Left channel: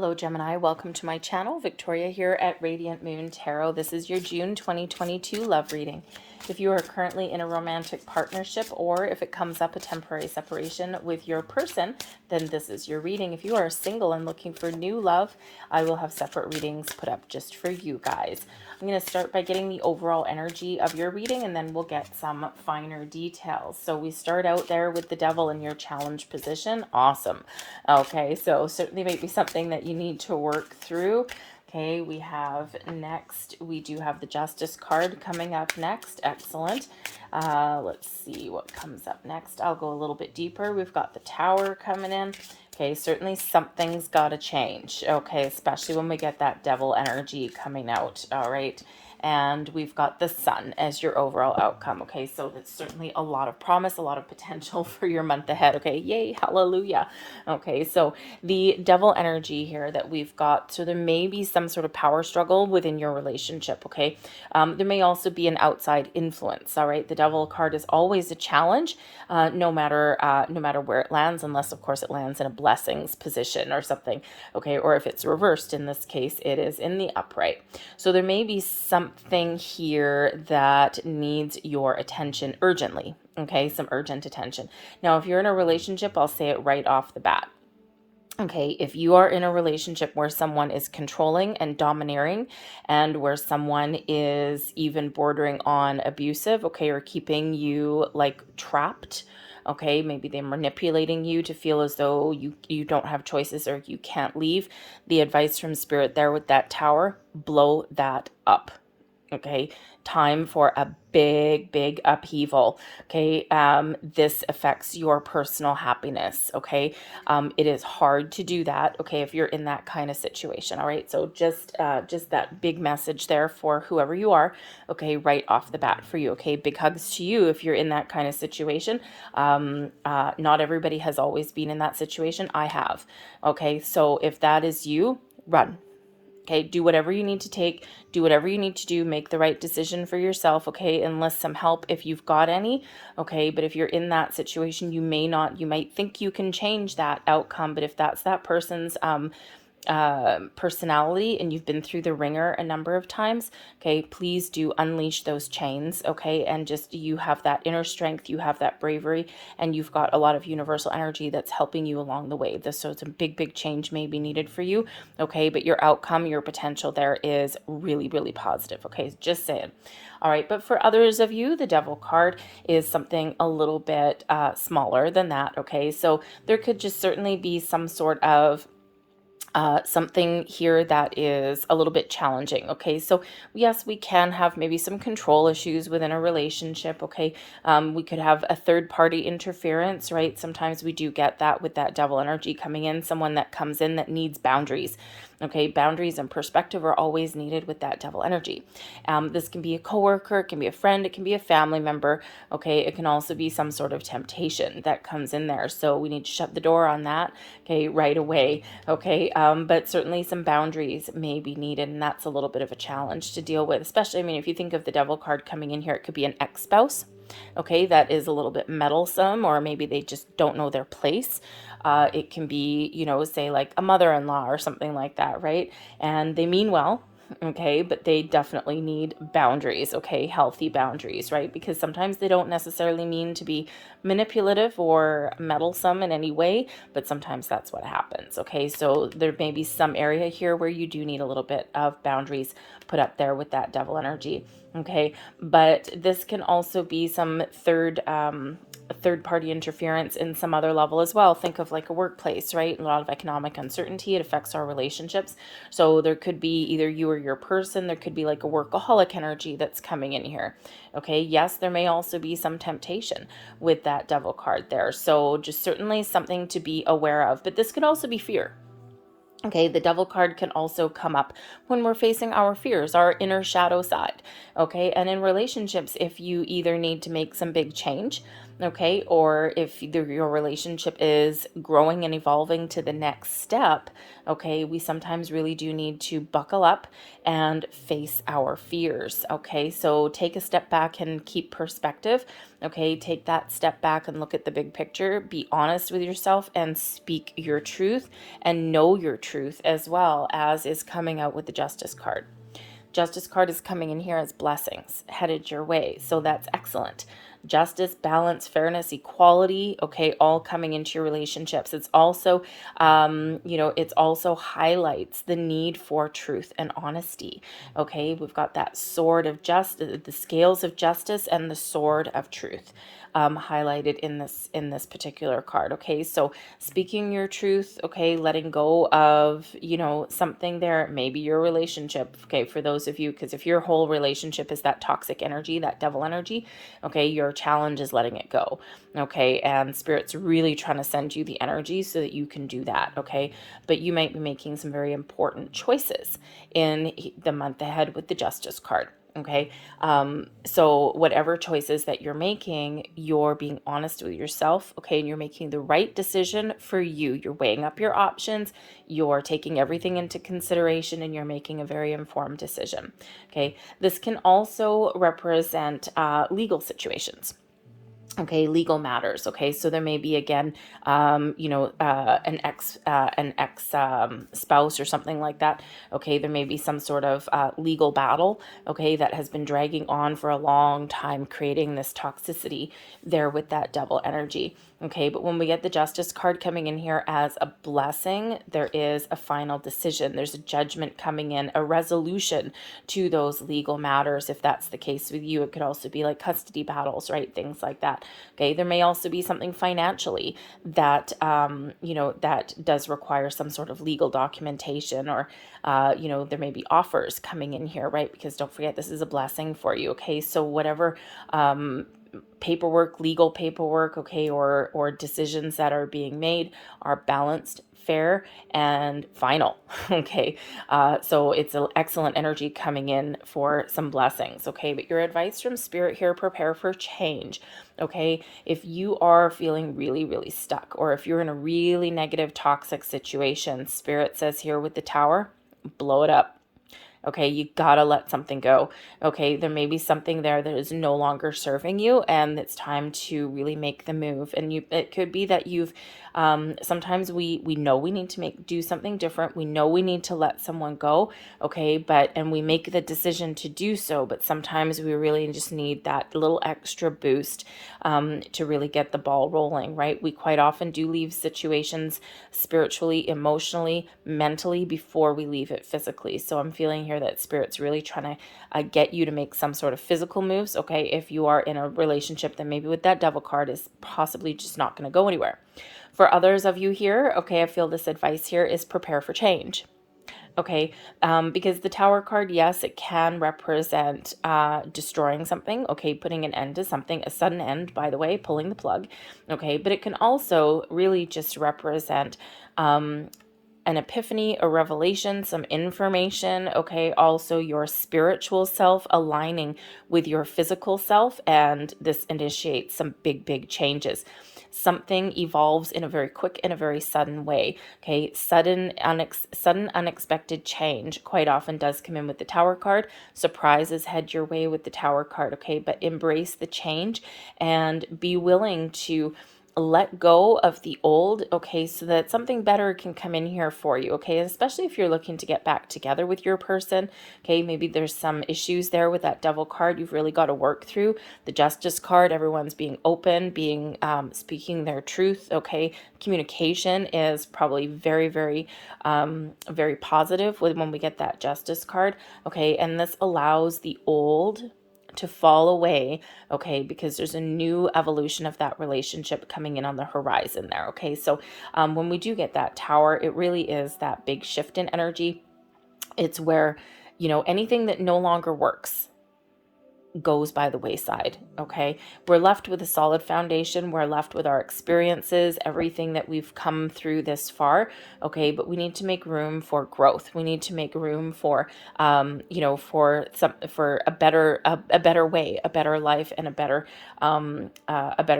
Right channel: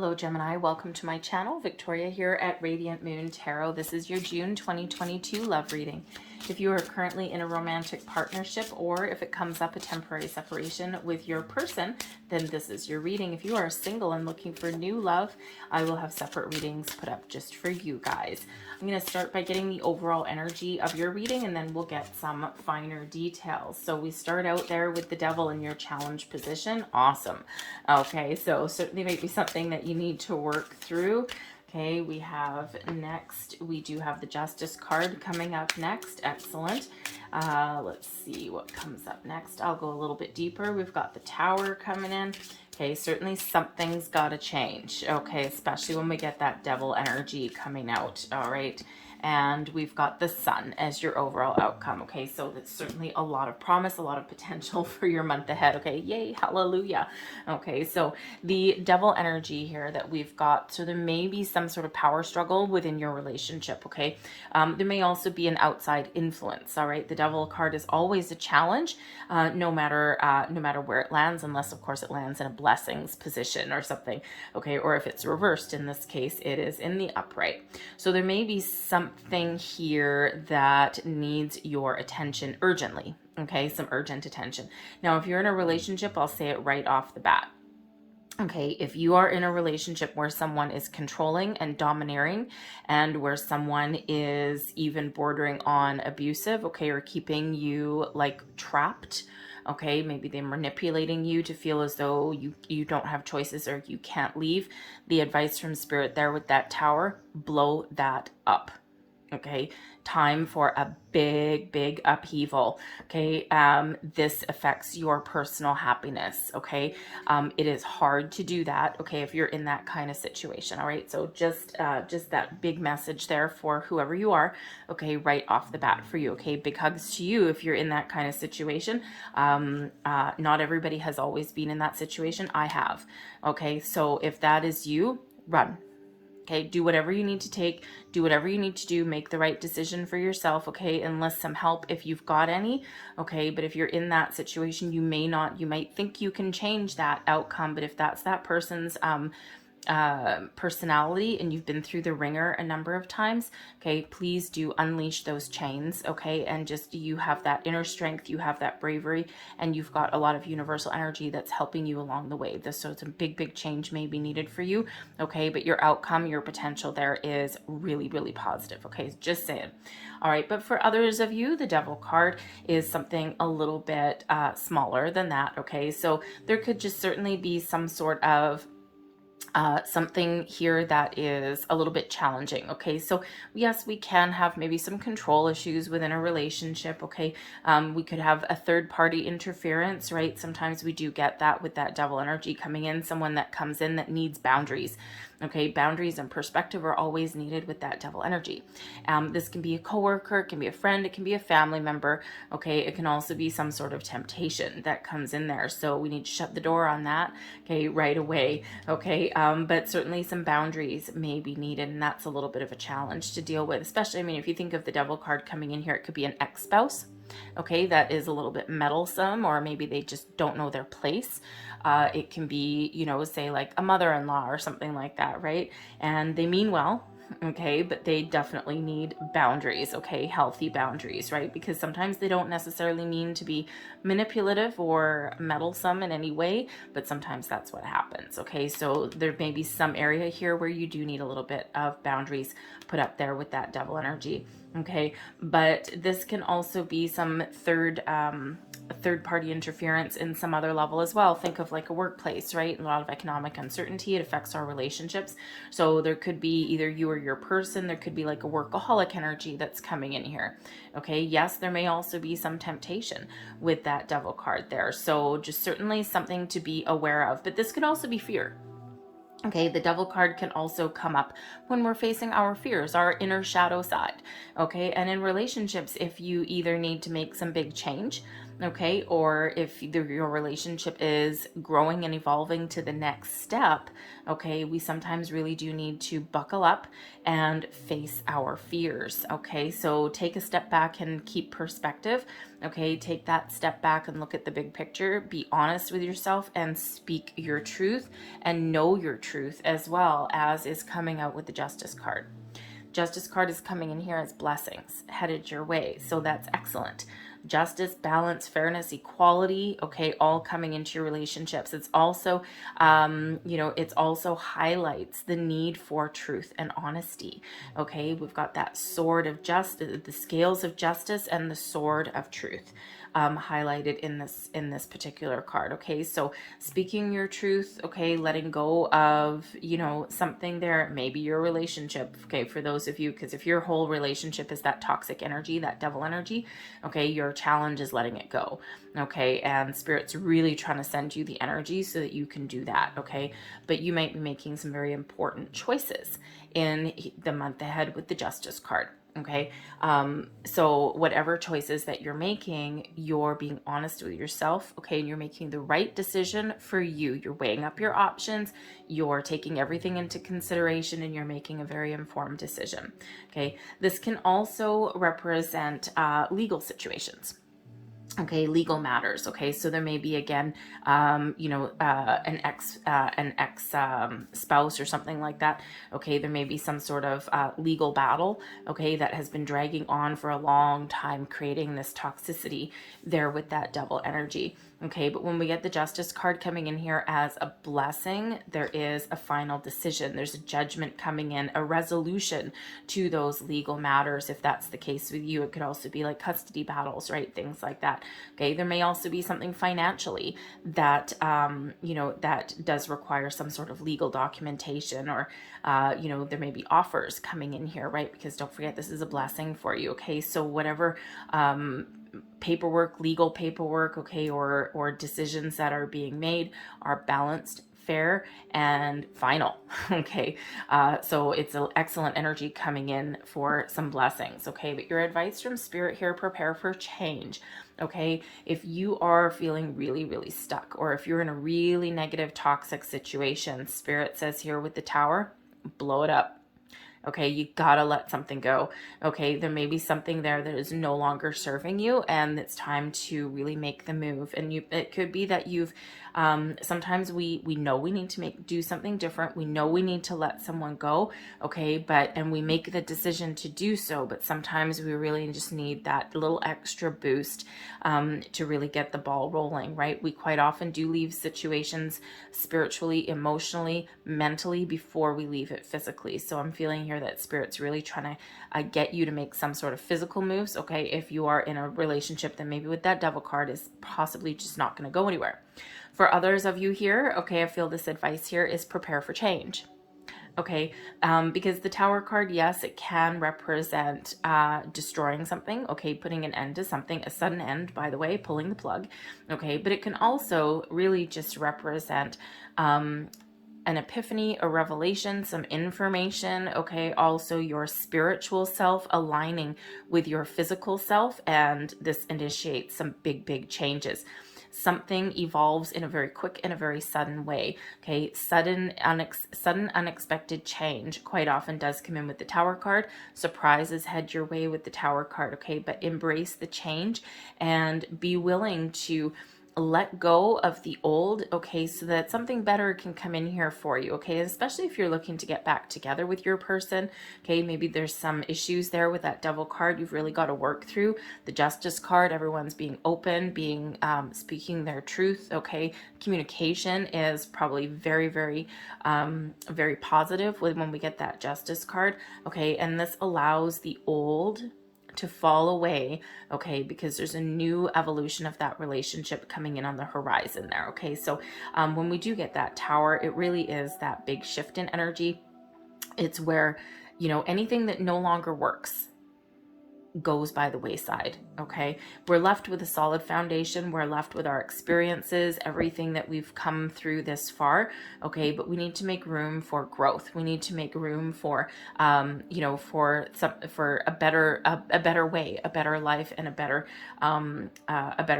Hello Gemini, welcome to my channel. Victoria here at Radiant Moon Tarot. This is your June 2022 love reading. If you are currently in a romantic partnership or if it comes up a temporary separation with your person, then this is your reading. If you are single and looking for new love, I will have separate readings put up just for you guys. I'm going to start by getting the overall energy of your reading and then we'll get some finer details. So we start out there with the devil in your challenge position. Awesome. Okay, so certainly might be something that you need to work through. Okay, we have next, we do have the Justice card coming up next. Excellent. Let's see what comes up next. I'll go a little bit deeper. We've got the Tower coming in. Okay, certainly something's got to change. Okay, especially when we get that devil energy coming out. All right. And we've got the Sun as your overall outcome. Okay, so that's certainly a lot of promise, a lot of potential for your month ahead. Okay, yay, hallelujah. Okay, so the devil energy here that we've got, so there may be some sort of power struggle within your relationship. Okay, there may also be an outside influence. All right, the devil card is always a challenge, no matter where it lands, unless of course it lands in a blessings position or something. Okay, or if it's reversed, in this case it is in the upright. So there may be something here that needs your attention urgently. Okay, some urgent attention. Now, if you're in a relationship, I'll say it right off the bat. Okay, if you are in a relationship where someone is controlling and domineering and where someone is even bordering on abusive, okay, or keeping you like trapped, okay, maybe they're manipulating you to feel as though you don't have choices or you can't leave, the advice from Spirit there with that Tower, blow that up. Okay, time for a big upheaval. Okay, this affects your personal happiness. Okay, it is hard to do that. Okay, if you're in that kind of situation. All right, so just that big message there for whoever you are. Okay, right off the bat for you. Okay, big hugs to you if you're in that kind of situation. Not everybody has always been in that situation. I have. Okay, so if that is you, run. Okay, do whatever you need to take, do whatever you need to do, make the right decision for yourself, okay, enlist some help if you've got any, okay, but if you're in that situation, you might think you can change that outcome, but if that's that person's personality and you've been through the ringer a number of times, okay, please do unleash those chains, okay, and just you have that inner strength, you have that bravery, and you've got a lot of universal energy that's helping you along the way. So it's a big change may be needed for you, okay, but your outcome, your potential there is really positive, okay, just saying. All right, but for others of you, the Devil card is something a little bit smaller than that, okay, so there could just certainly be some sort of something here that is a little bit challenging. Okay, so yes, we can have maybe some control issues within a relationship. Okay, we could have a third party interference, right? Sometimes we do get that with that devil energy coming in, someone that comes in that needs boundaries. Okay, boundaries and perspective are always needed with that devil energy. This can be a coworker, it can be a friend, it can be a family member. Okay, it can also be some sort of temptation that comes in there. So we need to shut the door on that, okay, right away. Okay, but certainly some boundaries may be needed, and that's a little bit of a challenge to deal with, especially, I mean, if you think of the devil card coming in here, it could be an ex-spouse. Okay, that is a little bit meddlesome, or maybe they just don't know their place. It can be, you know, say like a mother-in-law or something like that, right? And they mean well, okay, but they definitely need boundaries, okay, healthy boundaries, right? Because sometimes they don't necessarily mean to be manipulative or meddlesome in any way, but sometimes that's what happens, okay? So there may be some area here where you do need a little bit of boundaries put up there with that devil energy, okay? But this can also be some third party interference in some other level as well. Think of like a workplace, right? A lot of economic uncertainty, it affects our relationships. So there could be either you or your person, there could be like a workaholic energy that's coming in here. Okay, yes, there may also be some temptation with that devil card there. So just certainly something to be aware of, but this could also be fear. Okay, the devil card can also come up when we're facing our fears, our inner shadow side. Okay, and in relationships, if you either need to make some big change, okay, or if your relationship is growing and evolving to the next step, okay, we sometimes really do need to buckle up and face our fears, okay? So take a step back and keep perspective, okay? Take that step back and look at the big picture, be honest with yourself and speak your truth and know your truth, as well as is coming out with the Justice card. Justice card is coming in here as blessings headed your way. So that's excellent. Justice, balance, fairness, equality, okay, all coming into your relationships. It's also, it's also highlights the need for truth and honesty. Okay, we've got that sword of justice, the scales of justice, and the sword of truth. Highlighted in this particular card. Okay, so speaking your truth, okay, letting go of something there, maybe your relationship, okay, for those of you, because if your whole relationship is that toxic energy, that devil energy, okay, your challenge is letting it go, okay, and Spirit's really trying to send you the energy so that you can do that, okay, but you might be making some very important choices in the month ahead with the Justice card. Okay, so whatever choices that you're making, you're being honest with yourself, okay, and you're making the right decision for you. You're weighing up your options, you're taking everything into consideration, and you're making a very informed decision. Okay, this can also represent legal situations. Okay, legal matters. Okay, so there may be again, an ex spouse or something like that. Okay, there may be some sort of legal battle. Okay, that has been dragging on for a long time, creating this toxicity there with that double energy. Okay, but when we get the Justice card coming in here as a blessing, there is a final decision. There's a judgment coming in, a resolution to those legal matters. If that's the case with you, it could also be like custody battles, right? Things like that. Okay, there may also be something financially that, that does require some sort of legal documentation, or, there may be offers coming in here, right? Because don't forget, this is a blessing for you. Okay, so whatever, paperwork, legal paperwork, okay, or decisions that are being made are balanced, fair, and final. Okay, so it's an excellent energy coming in for some blessings. Okay, but your advice from Spirit here: prepare for change. Okay, if you are feeling really, really stuck, or if you're in a really negative, toxic situation, Spirit says here with the Tower, blow it up. Okay, you gotta let something go. Okay, there may be something there that is no longer serving you, and it's time to really make the move. And it could be that you've sometimes we know we need to do something different. We know we need to let someone go. Okay, and we make the decision to do so, but sometimes we really just need that little extra boost to really get the ball rolling, right? We quite often do leave situations spiritually, emotionally, mentally before we leave it physically. So I'm feeling here that Spirit's really trying to get you to make some sort of physical moves. Okay, if you are in a relationship that maybe with that Devil card is possibly just not going to go anywhere. For others of you here, okay, I feel this advice here is prepare for change. Okay, because the Tower card, yes, it can represent destroying something, okay, putting an end to something, a sudden end, by the way, pulling the plug, okay, but it can also really just represent an epiphany, a revelation, some information, okay, also your spiritual self aligning with your physical self, and this initiates some big changes. Something evolves in a very quick and a very sudden way. Okay, sudden unexpected change quite often does come in with the Tower card. Surprises head your way with the Tower card. Okay, but embrace the change and be willing to let go of the old, okay, so that something better can come in here for you, okay, especially if you're looking to get back together with your person, okay, maybe there's some issues there with that Devil card you've really got to work through. The Justice card, everyone's being open, speaking their truth, okay, communication is probably very positive when we get that Justice card, okay, and this allows the old to fall away, okay, because there's a new evolution of that relationship coming in on the horizon there, okay? So when we do get that Tower, it really is that big shift in energy. It's where, anything that no longer works, goes by the wayside. Okay, we're left with a solid foundation, we're left with our experiences, everything that we've come through this far. Okay, but we need to make room for growth, we need to make room for for a better way, a better life, and a better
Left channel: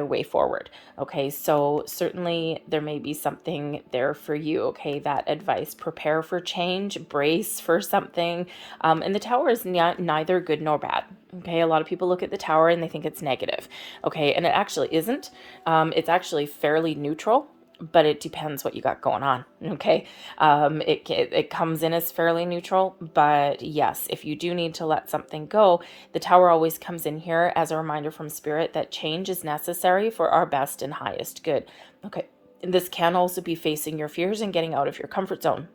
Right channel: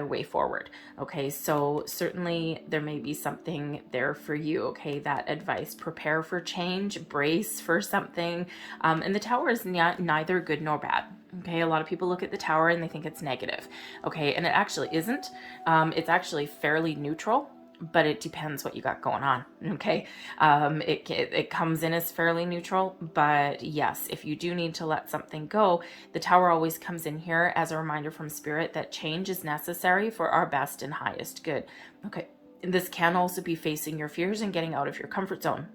way forward. Okay, so certainly there may be something there for you. Okay, that advice: prepare for change, brace for something. And the Tower is neither good nor bad. Okay, a lot of people look at the Tower and they think it's negative. Okay, and it actually isn't. It's actually fairly neutral, but it depends what you got going on. Okay, it comes in as fairly neutral, but yes, if you do need to let something go, the Tower always comes in here as a reminder from Spirit that change is necessary for our best and highest good. Okay, and this can also be facing your fears and getting out of your comfort zone.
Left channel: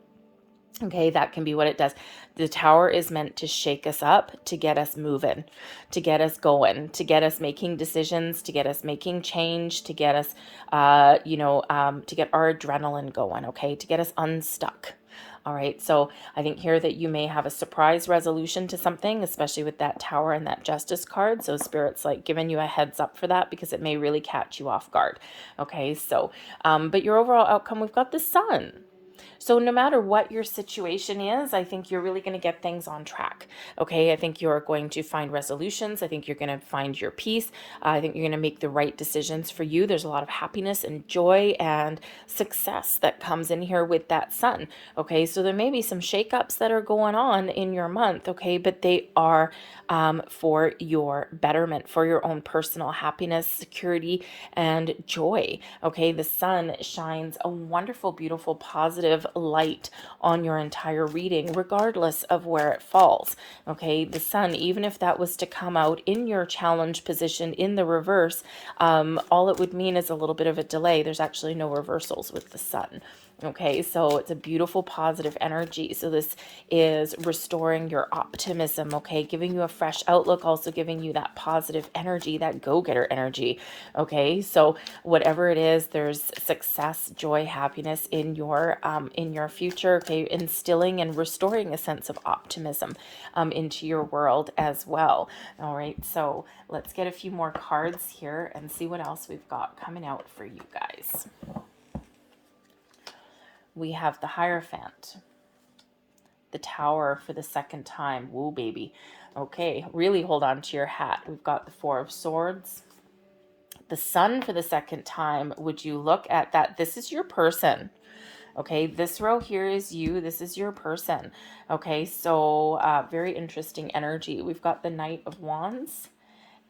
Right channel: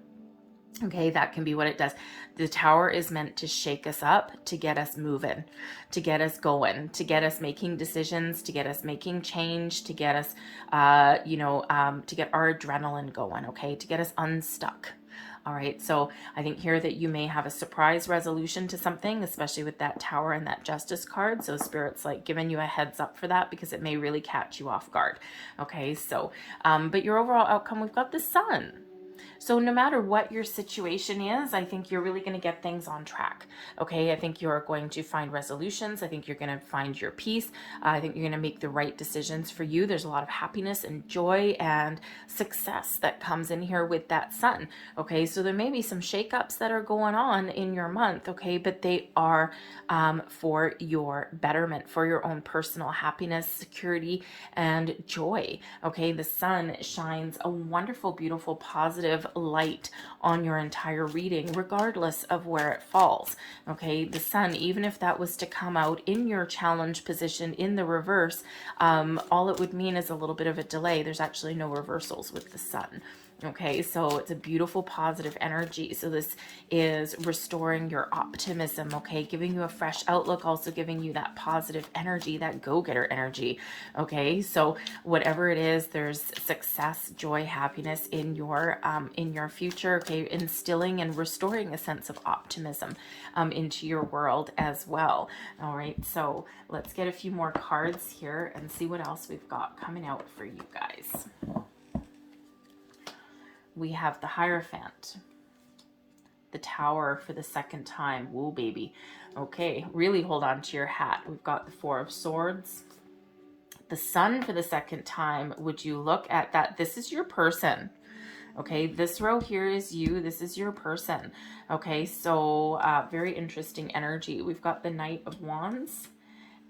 Okay, that can be what it does. The Tower is meant to shake us up, to get us moving, to get us going, to get us making decisions, to get us making change, to get us, to get our adrenaline going, okay, to get us unstuck. All right, so I think here that you may have a surprise resolution to something, especially with that Tower and that Justice card. So Spirit's like giving you a heads up for that because it may really catch you off guard. Okay, so, but your overall outcome, we've got the Sun. So no matter what your situation is, I think you're really going to get things on track. Okay, I think you're going to find resolutions. I think you're going to find your peace. I think you're going to make the right decisions for you. There's a lot of happiness and joy and success that comes in here with that Sun. Okay, so there may be some shakeups that are going on in your month. Okay, but they are for your betterment, for your own personal happiness, security, and joy. Okay, the Sun shines a wonderful, beautiful, positive light on your entire reading, regardless of where it falls. Okay, the Sun, even if that was to come out in your challenge position in the reverse, all it would mean is a little bit of a delay. There's actually no reversals with the Sun. Okay, so it's a beautiful positive energy. So this is restoring your optimism, okay, giving you a fresh outlook, also giving you that positive energy, that go-getter energy. Okay, so whatever it is, there's success, joy, happiness in your future. Okay, instilling and restoring a sense of optimism into your world as well. All right, so let's get a few more cards here and see what else we've got coming out for you guys. We have the Hierophant, the Tower for the second time. Woo, baby. Okay, really hold on to your hat. We've got the Four of Swords, the Sun for the second time. Would you look at that? This is your person. Okay, this row here is you. This is your person. Okay, so very interesting energy. We've got the Knight of Wands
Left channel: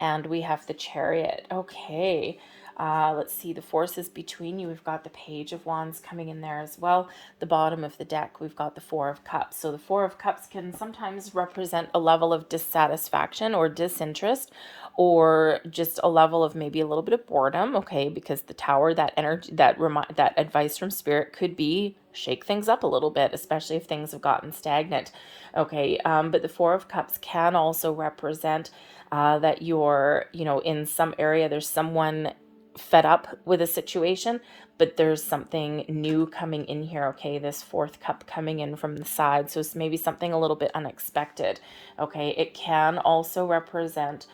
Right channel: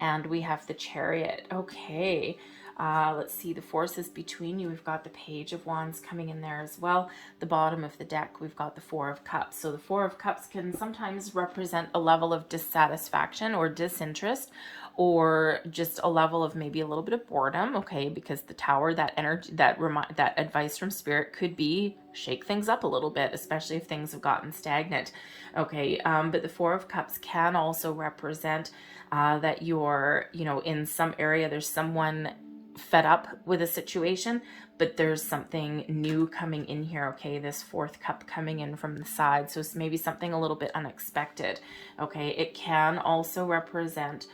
and we have the Chariot. Okay. Let's see the forces between you. We've got the Page of Wands coming in there as well. The bottom of the deck, we've got the Four of Cups. So the Four of Cups can sometimes represent a level of dissatisfaction or disinterest, or just a level of maybe a little bit of boredom. Okay, because the Tower, that energy, that advice from Spirit could be shake things up a little bit, especially if things have gotten stagnant. Okay, but the Four of Cups can also represent that you're, in some area, there's someone fed up with a situation, but there's something new coming in here. Okay, this fourth cup coming in from the side, so it's maybe something a little bit unexpected. Okay, it can also represent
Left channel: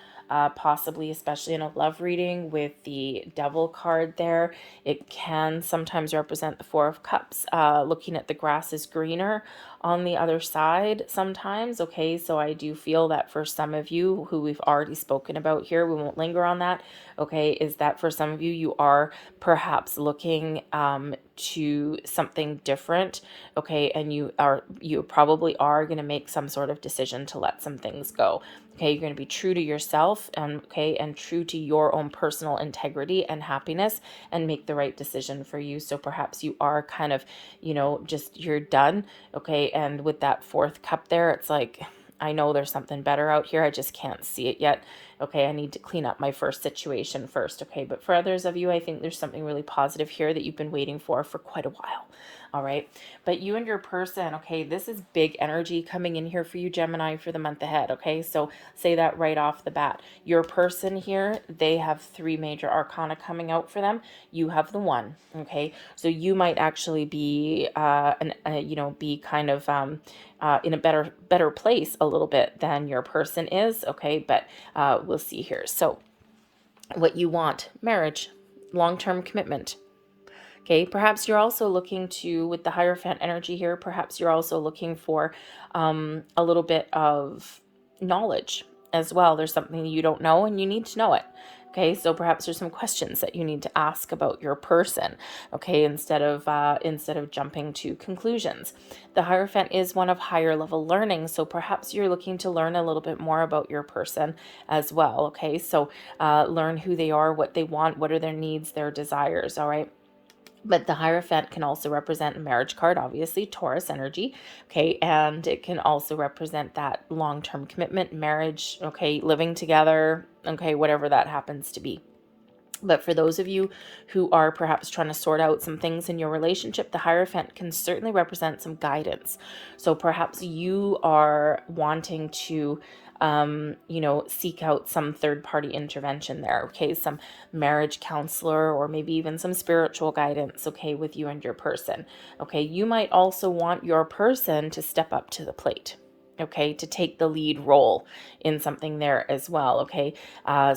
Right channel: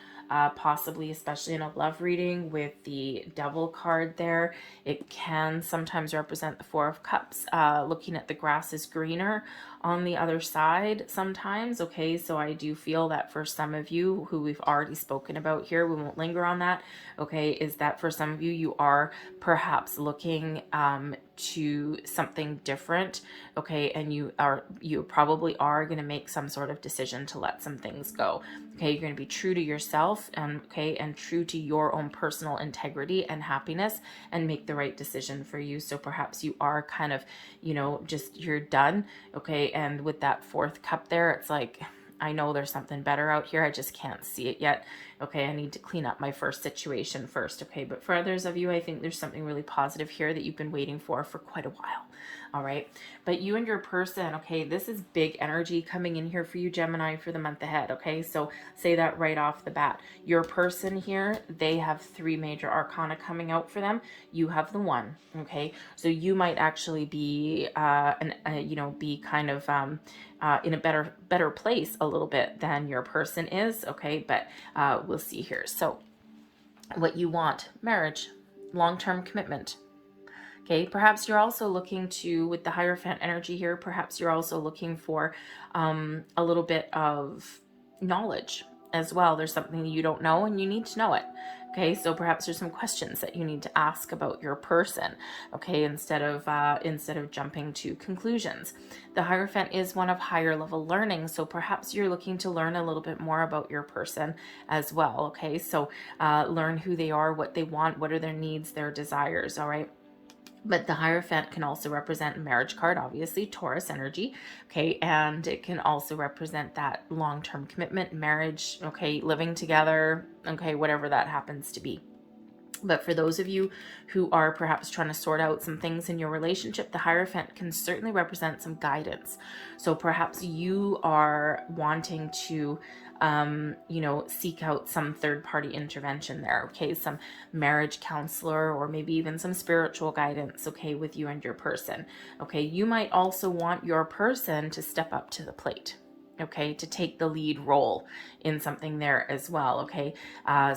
possibly, especially in a love reading with the Devil card there, it can sometimes represent the Four of Cups, looking at the grass is greener on the other side sometimes. Okay, so I do feel that for some of you who we've already spoken about here, we won't linger on that. Okay, is that for some of you, you are perhaps looking to something different. Okay, and you probably are going to make some sort of decision to let some things go. Okay, you're going to be true to yourself and true to your own personal integrity and happiness, and make the right decision for you. So perhaps you are kind of, just you're done. Okay, and with that fourth cup there, it's like, I know there's something better out here, I just can't see it yet. Okay, I need to clean up my first situation first. Okay, but for others of you, I think there's something really positive here that you've been waiting for quite a while. All right. But you and your person, okay, this is big energy coming in here for you, Gemini, for the month ahead. Okay. So say that right off the bat. Your person here, they have 3 major arcana coming out for them. You have the 1. Okay. So you might actually be, be kind of, in a better place a little bit than your person is. Okay. But, we'll see here. So what you want, marriage, long-term commitment. Okay, perhaps you're also looking to, with the Hierophant energy here, perhaps you're also looking for a little bit of knowledge as well. There's something you don't know and you need to know it. Okay, so perhaps there's some questions that you need to ask about your person. Okay, instead of jumping to conclusions. The Hierophant is one of higher level learning, so perhaps you're looking to learn a little bit more about your person as well. Okay, so learn who they are, what they want, what are their needs, their desires. All right. But the Hierophant can also represent a marriage card, obviously, Taurus energy, okay? And it can also represent that long-term commitment, marriage, okay, living together, okay, whatever that happens to be. But for those of you who are perhaps trying to sort out some things in your relationship, the Hierophant can certainly represent some guidance. So perhaps you are wanting to seek out some third-party intervention there, okay? Some marriage counselor or maybe even some spiritual guidance, okay, with you and your person, okay? You might also want your person to step up to the plate, okay, to take the lead role in something there as well, okay?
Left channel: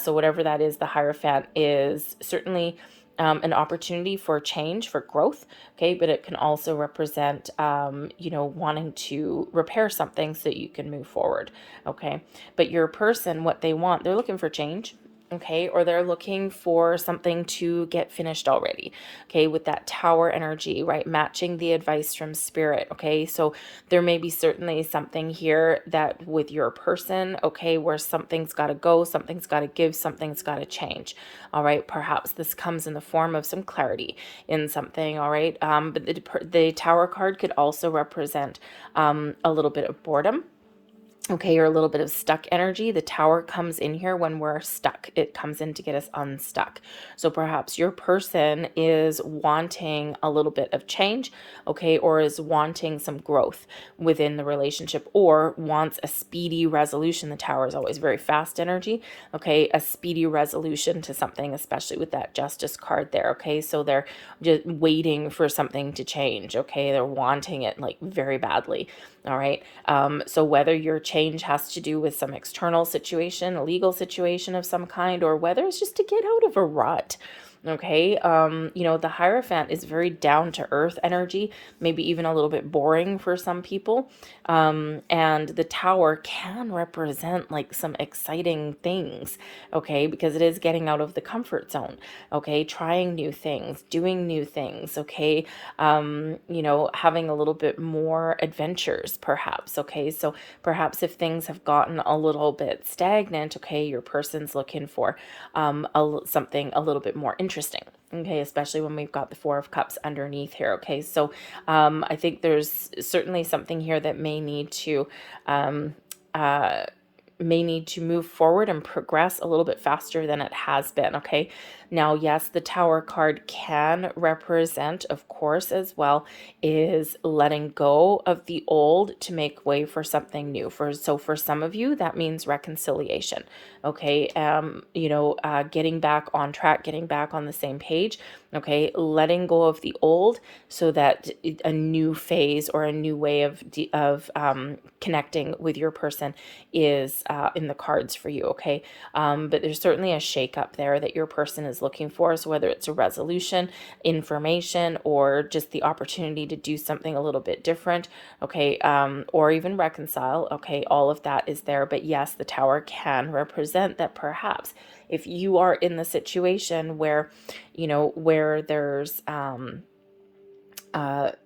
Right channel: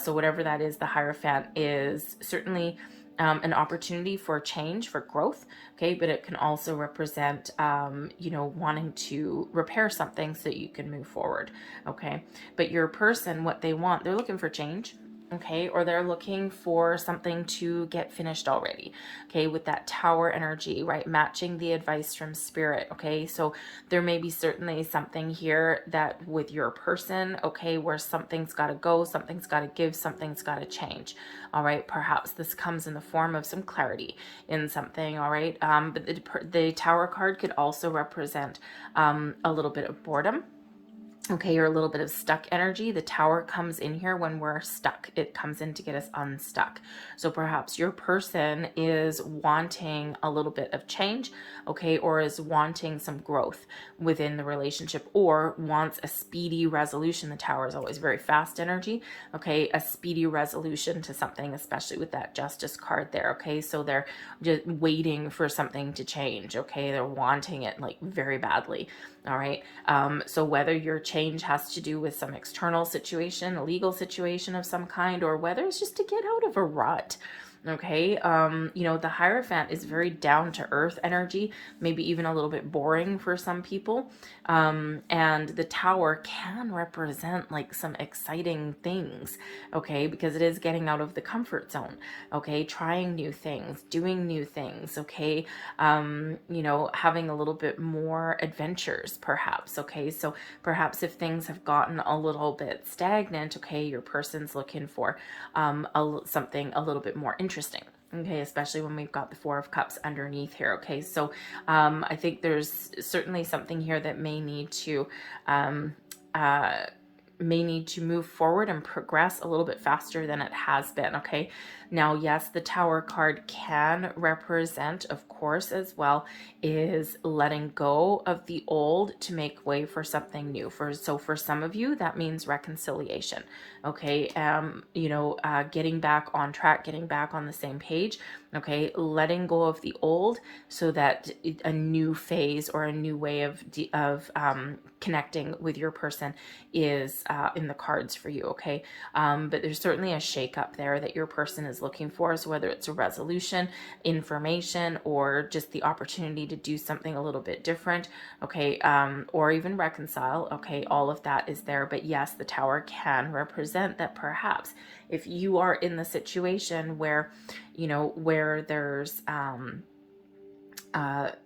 So whatever that is, the Hierophant is certainly an opportunity for change, for growth, okay? But it can also represent, wanting to repair something so that you can move forward, okay? But your person, what they want, they're looking for change, okay? Or they're looking for something to get finished already, okay? With that Tower energy, right? Matching the advice from Spirit, okay? So there may be certainly something here that with your person, okay, where something's got to go, something's got to give, something's got to change, all right? Perhaps this comes in the form of some clarity in something, all right? But the Tower card could also represent a little bit of boredom, okay, or a little bit of stuck energy. The Tower comes in here when we're stuck. It comes in to get us unstuck. So perhaps your person is wanting a little bit of change, okay, or is wanting some growth within the relationship, or wants a speedy resolution. The Tower is always very fast energy, okay, a speedy resolution to something, especially with that Justice card there, okay? So they're just waiting for something to change, okay? They're wanting it like very badly, all right? So whether your change has to do with some external situation, a legal situation of some kind, or whether it's just to get out of a rut, okay? The Hierophant is very down to earth energy, maybe even a little bit boring for some people. And the Tower can represent like some exciting things, okay? Because it is getting out of the comfort zone, okay? Trying new things, doing new things, okay? Having a little bit more adventures perhaps, okay? So perhaps if things have gotten a little bit stagnant, okay, your person's looking for something a little bit more interesting, okay, especially when we've got the Four of Cups underneath here, okay? So I think there's certainly something here that may need to move forward and progress a little bit faster than it has been, okay? Now, yes, the Tower card can represent, of course, as well, is letting go of the old to make way for something new. So for some of you, that means reconciliation, okay? Getting back on track, getting back on the same page, okay? Letting go of the old so that a new phase or a new way of connecting with your person is in the cards for you, okay? But there's certainly a shakeup there that your person is looking for. So whether it's a resolution, information, or just the opportunity to do something a little bit different, okay, or even reconcile, okay, all of that is there. But yes, the Tower can represent that perhaps if you are in the situation where, where there's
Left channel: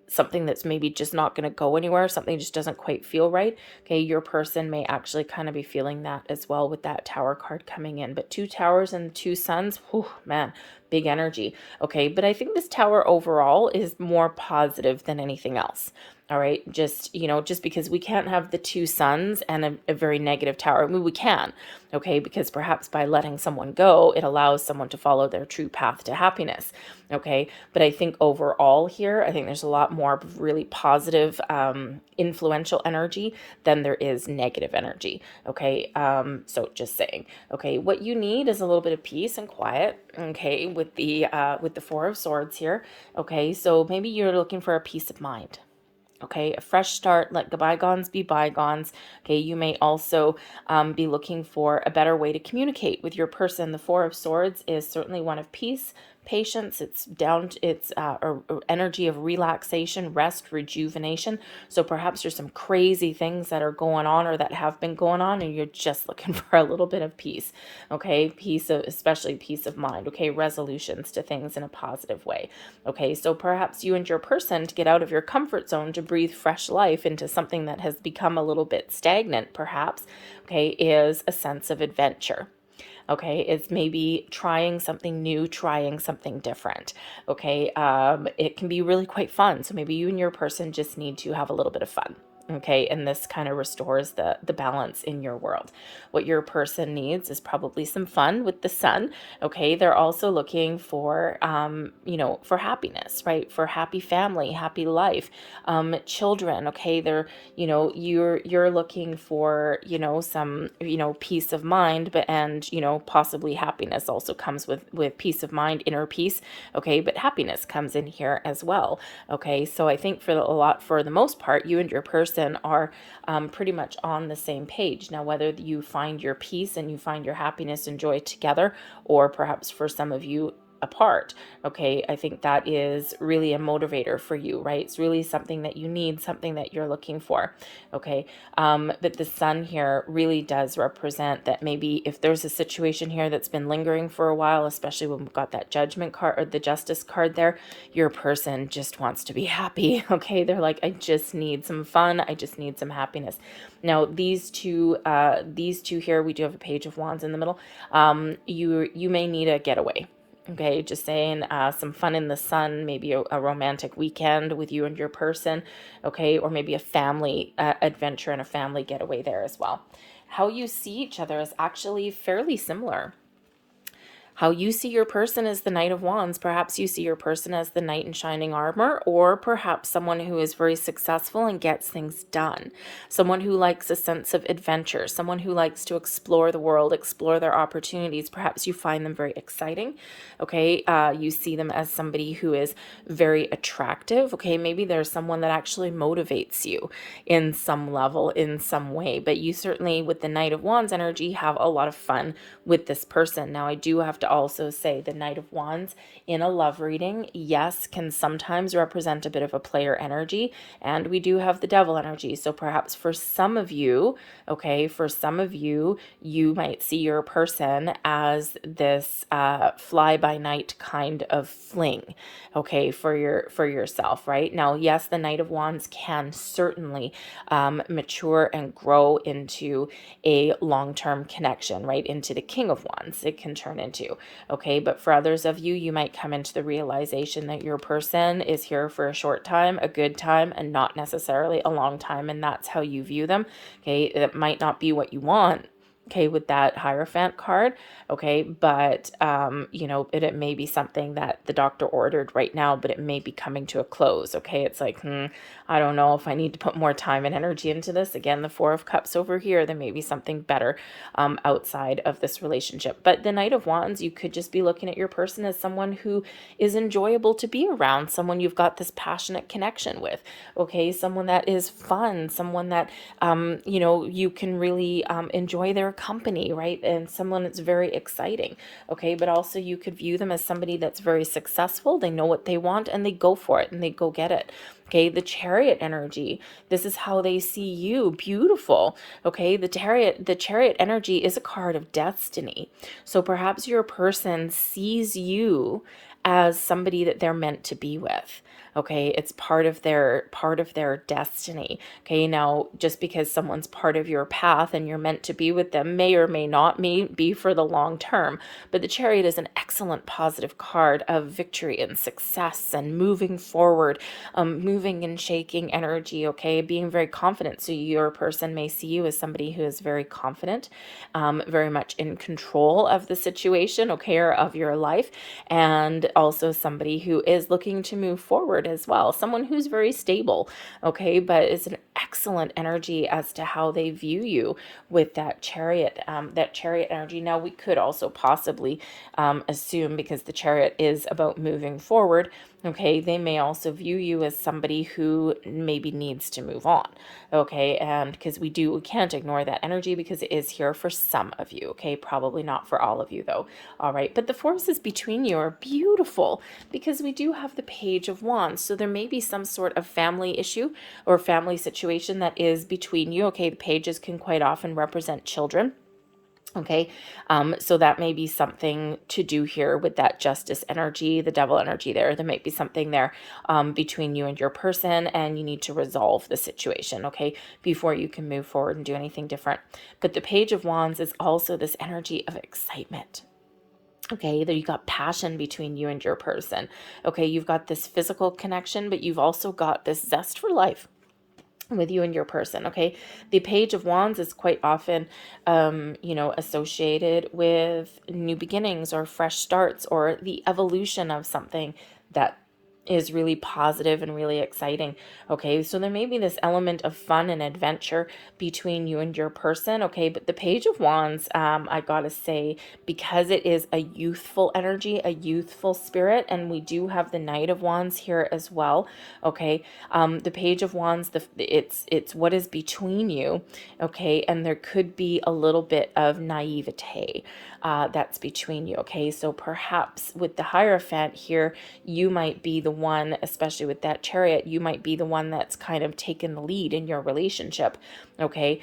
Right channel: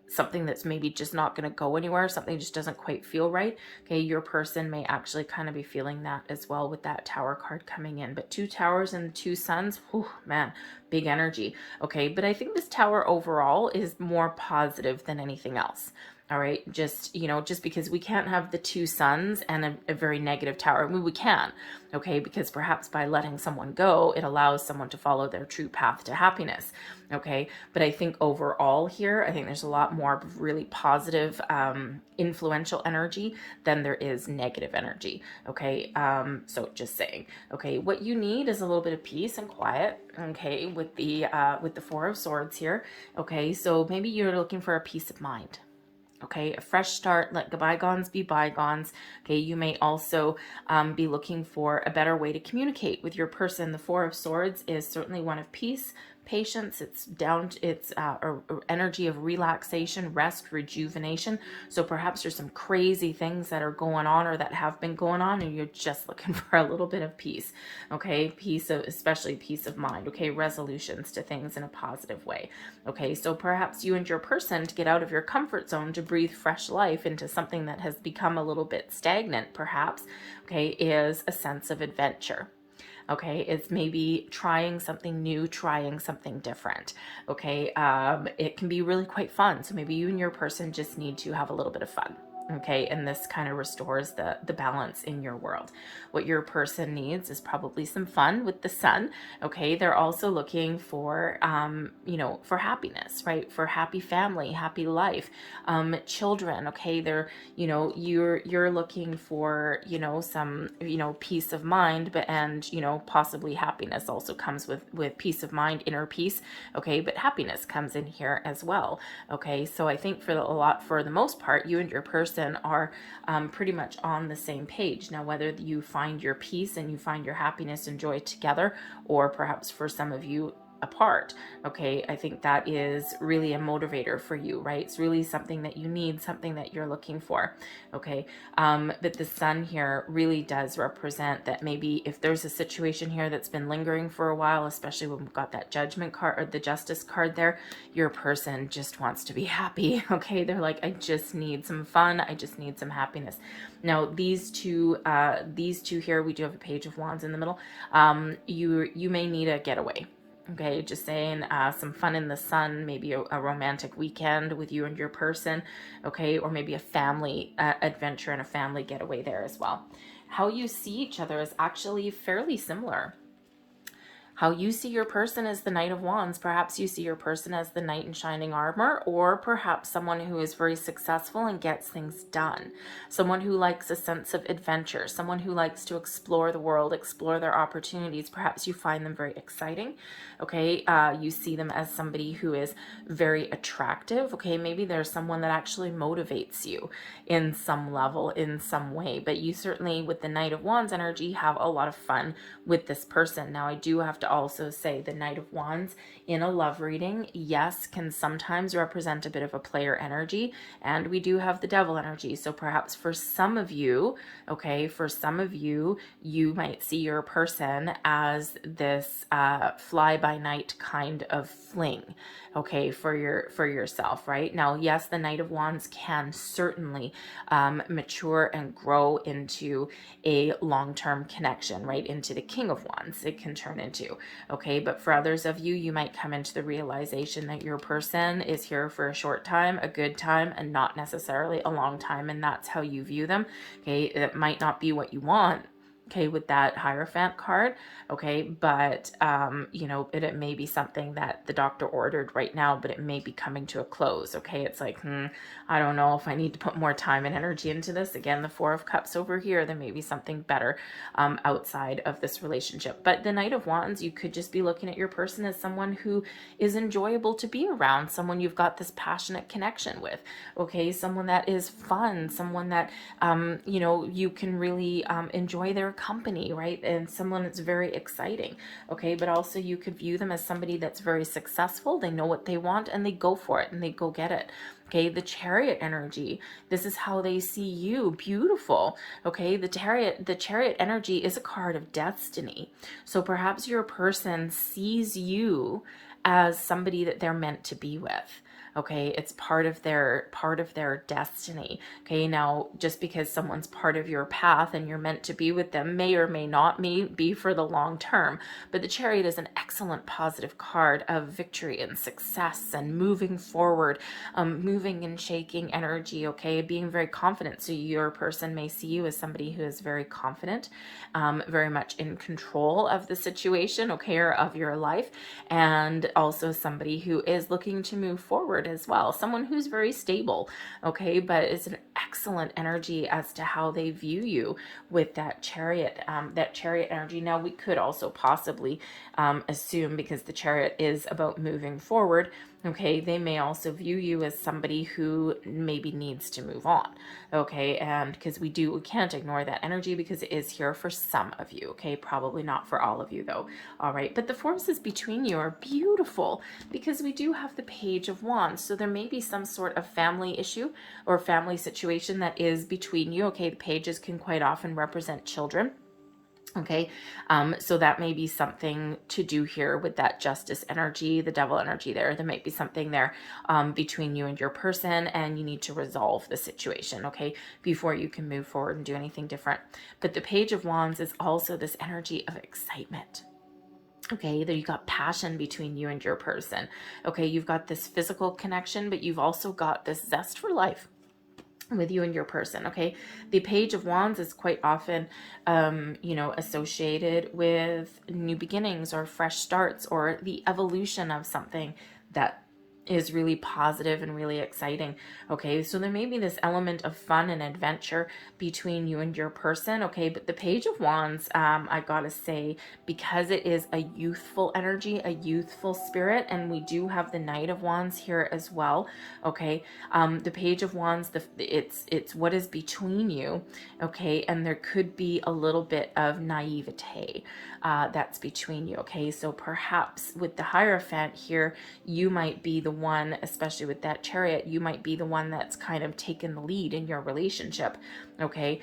something that's maybe just not going to go anywhere, something just doesn't quite feel right, okay, your person may actually kind of be feeling that as well with that Tower card coming in. But 2 Towers and 2 Suns, whew, man, big energy, okay? But I think this Tower overall is more positive than anything else, All right. Just, just because we can't have the two suns and a very negative tower. I mean, we can, okay, because perhaps by letting someone go, it allows someone to follow their true path to happiness. Okay. But I think overall here, I think there's a lot more really positive, influential energy than there is negative energy. Okay. So just saying, okay, what you need is a little bit of peace and quiet. Okay. With the Four of Swords here. Okay. So maybe you're looking for a peace of mind. Okay, a fresh start, let the bygones be bygones. Okay, you may also be looking for a better way to communicate with your person. The Four of Swords is certainly one of peace, patience. It's energy of relaxation, rest, rejuvenation. So perhaps there's some crazy things that are going on or that have been going on, and you're just looking for a little bit of peace. Okay, especially peace of mind. Okay, resolutions to things in a positive way. Okay, so perhaps you and your person, to get out of your comfort zone, to breathe fresh life into something that has become a little bit stagnant, perhaps, okay, is a sense of adventure. Okay, it's maybe trying something new, trying something different. Okay, it can be really quite fun. So maybe you and your person just need to have a little bit of fun. Okay, and this kind of restores the balance in your world. What your person needs is probably some fun with the sun. Okay, they're also looking for for happiness, right? For happy family, happy life, children. Okay, they're you're looking for some peace of mind, but and possibly happiness also comes with peace of mind, inner peace. Okay, but happiness comes in here as well. Okay, so I think for the most part, you and your person are pretty much on the same page. Now, whether you find your peace and you find your happiness and joy together, or perhaps for some of you apart, okay, I think that is really a motivator for you, right? It's really something that you need, something that you're looking for. Okay, but the sun here really does represent that maybe if there's a situation here that's been lingering for a while, especially when we've got that judgment card or the justice card there, your person just wants to be happy. Okay, they're like, I just need some fun, I just need some happiness. Now these two here, we do have a Page of Wands in the middle. You may need a getaway. Okay, just saying, some fun in the sun, maybe a romantic weekend with you and your person, okay, or maybe a family adventure and a family getaway there as well. How you see each other is actually fairly similar. How you see your person as the Knight of Wands. Perhaps you see your person as the knight in shining armor, or perhaps someone who is very successful and gets things done. Someone who likes a sense of adventure, someone who likes to explore the world, explore their opportunities. Perhaps you find them very exciting. Okay, you see them as somebody who is very attractive. Okay, maybe there's someone that actually motivates you in some level, in some way. But you certainly, with the Knight of Wands energy, have a lot of fun with this person. Now, I do have to also say the Knight of Wands in a love reading, yes, can sometimes represent a bit of a player energy, and we do have the Devil energy. So perhaps for some of you, okay, you might see your person as this fly-by-night kind of fling, okay, for yourself, right? Now, yes, the Knight of Wands can certainly mature and grow into a long-term connection, right? Into the King of Wands it can turn into, okay? But for others of you, you might come into the realization that your person is here for a short time, a good time, and not necessarily a long time, and that's how you view them, okay? It might not be what you want, okay, with that Hierophant card, okay, but it may be something that the doctor ordered right now, but it may be coming to a close. Okay, it's like, I don't know if I need to put more time and energy into this. Again, the Four of Cups over here, there may be something better outside of this relationship. But the Knight of Wands, you could just be looking at your person as someone who is enjoyable to be around, someone you've got this passionate connection with, okay, someone that is fun, someone that you can really enjoy their company, right? And someone that's very exciting, okay? But also you could view them as somebody that's very successful. They know what they want and they go for it and they go get it. Okay, the Chariot energy, this is how they see you. Beautiful. Okay, the chariot energy is a card of destiny. So perhaps your person sees you as somebody that they're meant to be with. Okay, it's part of their destiny. Okay, now just because someone's part of your path and you're meant to be with them may or may not be for the long term. But the Chariot is an excellent positive card of victory and success and moving forward, moving and shaking energy. Okay, being very confident. So your person may see you as somebody who is very confident, very much in control of the situation, okay, or of your life, and also somebody who is looking to move forward as well. Someone who's very stable, okay, but it's an excellent energy as to how they view you with that Chariot, energy. Now, we could also possibly assume, because the Chariot is about moving forward, okay, they may also view you as somebody who maybe needs to move on, okay, and because we can't ignore that energy because it is here for some of you, okay, probably not for all of you though. All right, but the forces between you are beautiful because we do have the Page of Wands, so there may be some sort of family issue or family situation that is between you, okay. The pages can quite often represent children. Okay, so that may be something to do here with that Justice energy, the Devil energy there. There might be something there between you and your person, and you need to resolve the situation, okay, before you can move forward and do anything different. But the Page of Wands is also this energy of excitement. Okay, there you got passion between you and your person. Okay, you've got this physical connection, but you've also got this zest for life with you and your person. Okay, the Page of Wands is quite often associated with new beginnings or fresh starts or the evolution of something that is really positive and really exciting. Okay, so there may be this element of fun and adventure between you and your person. Okay, but the Page of Wands, I gotta say, because it is a youthful energy, a youthful spirit, and we do have the Knight of Wands here as well. Okay, the Page of Wands, it's what is between you. Okay, and there could be a little bit of naivete that's between you. Okay, so perhaps with the Hierophant here, you might be the one, especially with that Chariot, you might be the one that's kind of taken the lead in your relationship. Okay,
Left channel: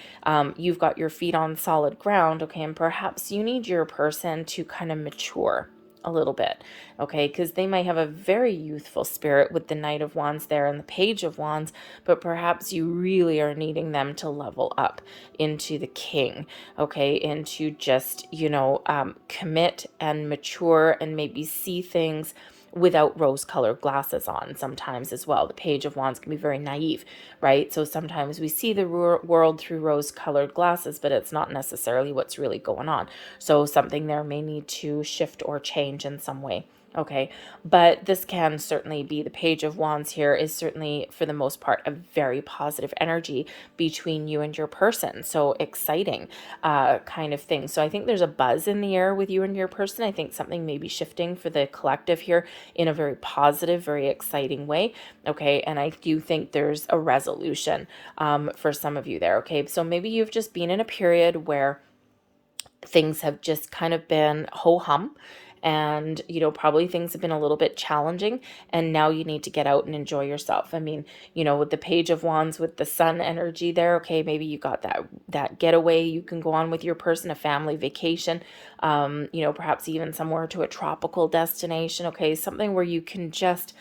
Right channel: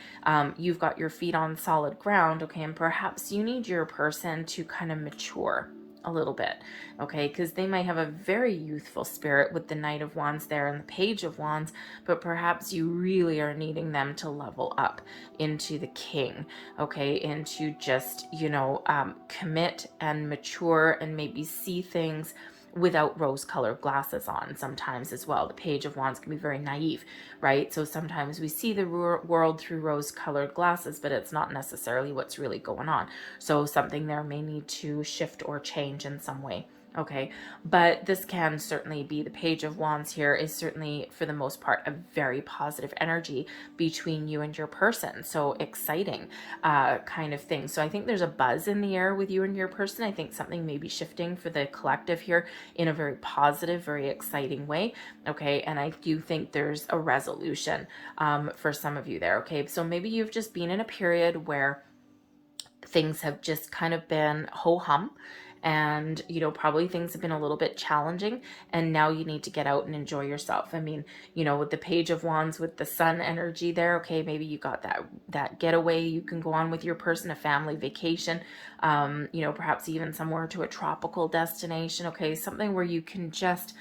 you've got your feet on solid ground. Okay, and perhaps you need your person to kind of mature a little bit, okay, because they might have a very youthful spirit with the Knight of Wands there and the Page of Wands, but perhaps you really are needing them to level up into the King, okay, into just, commit and mature and maybe see things without rose-colored glasses on sometimes as well. The Page of Wands can be very naive, right? So sometimes we see the world through rose-colored glasses, but it's not necessarily what's really going on. So something there may need to shift or change in some way. Okay, but this can certainly be, the Page of Wands here is certainly, for the most part, a very positive energy between you and your person. So exciting kind of thing. So I think there's a buzz in the air with you and your person. I think something may be shifting for the collective here in a very positive, very exciting way. Okay, and I do think there's a resolution for some of you there. Okay, so maybe you've just been in a period where things have just kind of been ho-hum, and probably things have been a little bit challenging, and now you need to get out and enjoy yourself. I mean, with the Page of Wands with the Sun energy there, okay, maybe you got that getaway you can go on with your person, a family vacation, perhaps even somewhere to a tropical destination. Okay, something where you can just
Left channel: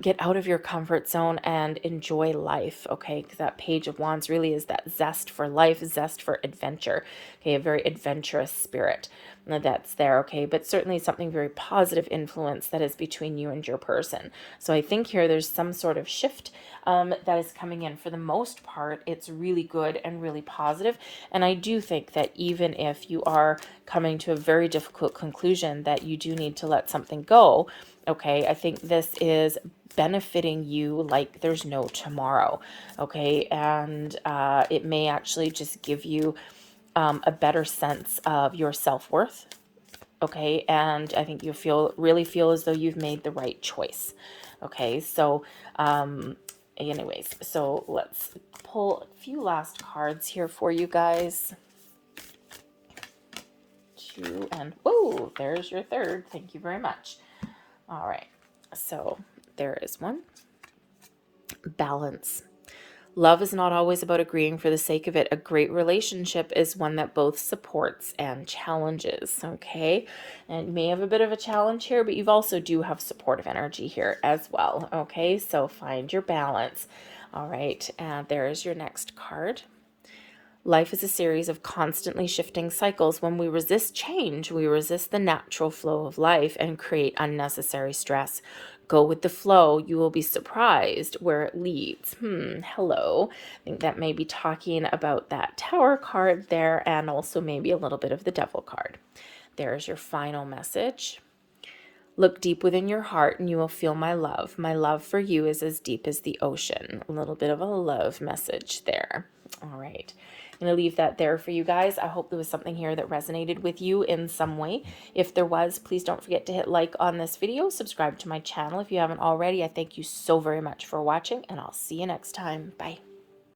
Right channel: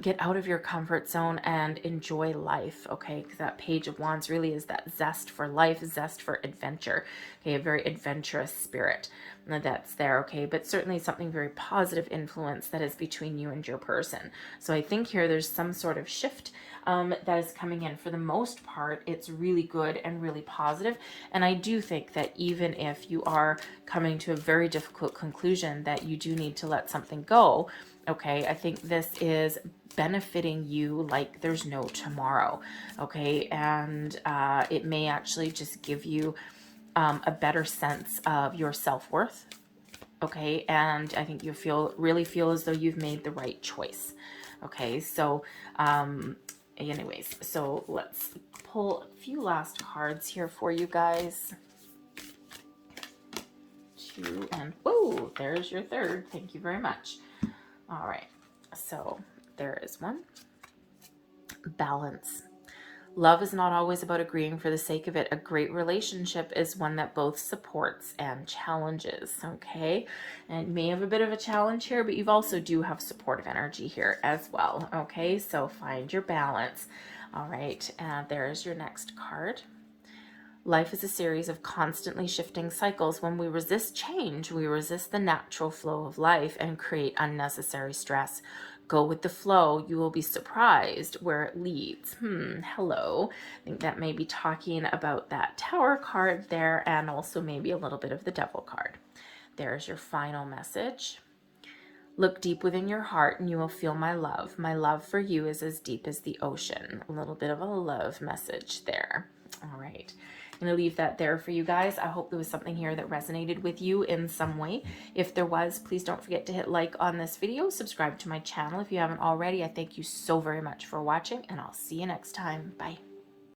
get out of your comfort zone and enjoy life. Okay, because that Page of Wands really is that zest for life, zest for adventure. Okay, a very adventurous spirit that's there. Okay, but certainly something very positive influence that is between you and your person. So I think here there's some sort of shift that is coming in. For the most part, it's really good and really positive. And I do think that even if you are coming to a very difficult conclusion that you do need to let something go, okay, I think this is benefiting you like there's no tomorrow. Okay, and it may actually just give you a better sense of your self-worth. Okay, and I think you really feel as though you've made the right choice. Okay, so anyways, so let's pull a few last cards here for you guys. Two, and whoa, there's your third. Thank you very much. All right, so there is one. Balance. Love is not always about agreeing for the sake of it. A great relationship is one that both supports and challenges, okay? And you may have a bit of a challenge here, but you also do have supportive energy here as well, okay? So find your balance. All right, there is your next card. Life is a series of constantly shifting cycles. When we resist change, we resist the natural flow of life and create unnecessary stress. Go with the flow. You will be surprised where it leads. Hello. I think that may be talking about that Tower card there, and also maybe a little bit of the Devil card. There's your final message. Look deep within your heart and you will feel my love. My love for you is as deep as the ocean. A little bit of a love message there. All right. I'm going to leave that there for you guys. I hope there was something here that resonated with you in some way. If there was, please don't forget to hit like on this video. Subscribe to my channel if you haven't already. I thank you so very much for watching, and I'll see you next time. Bye.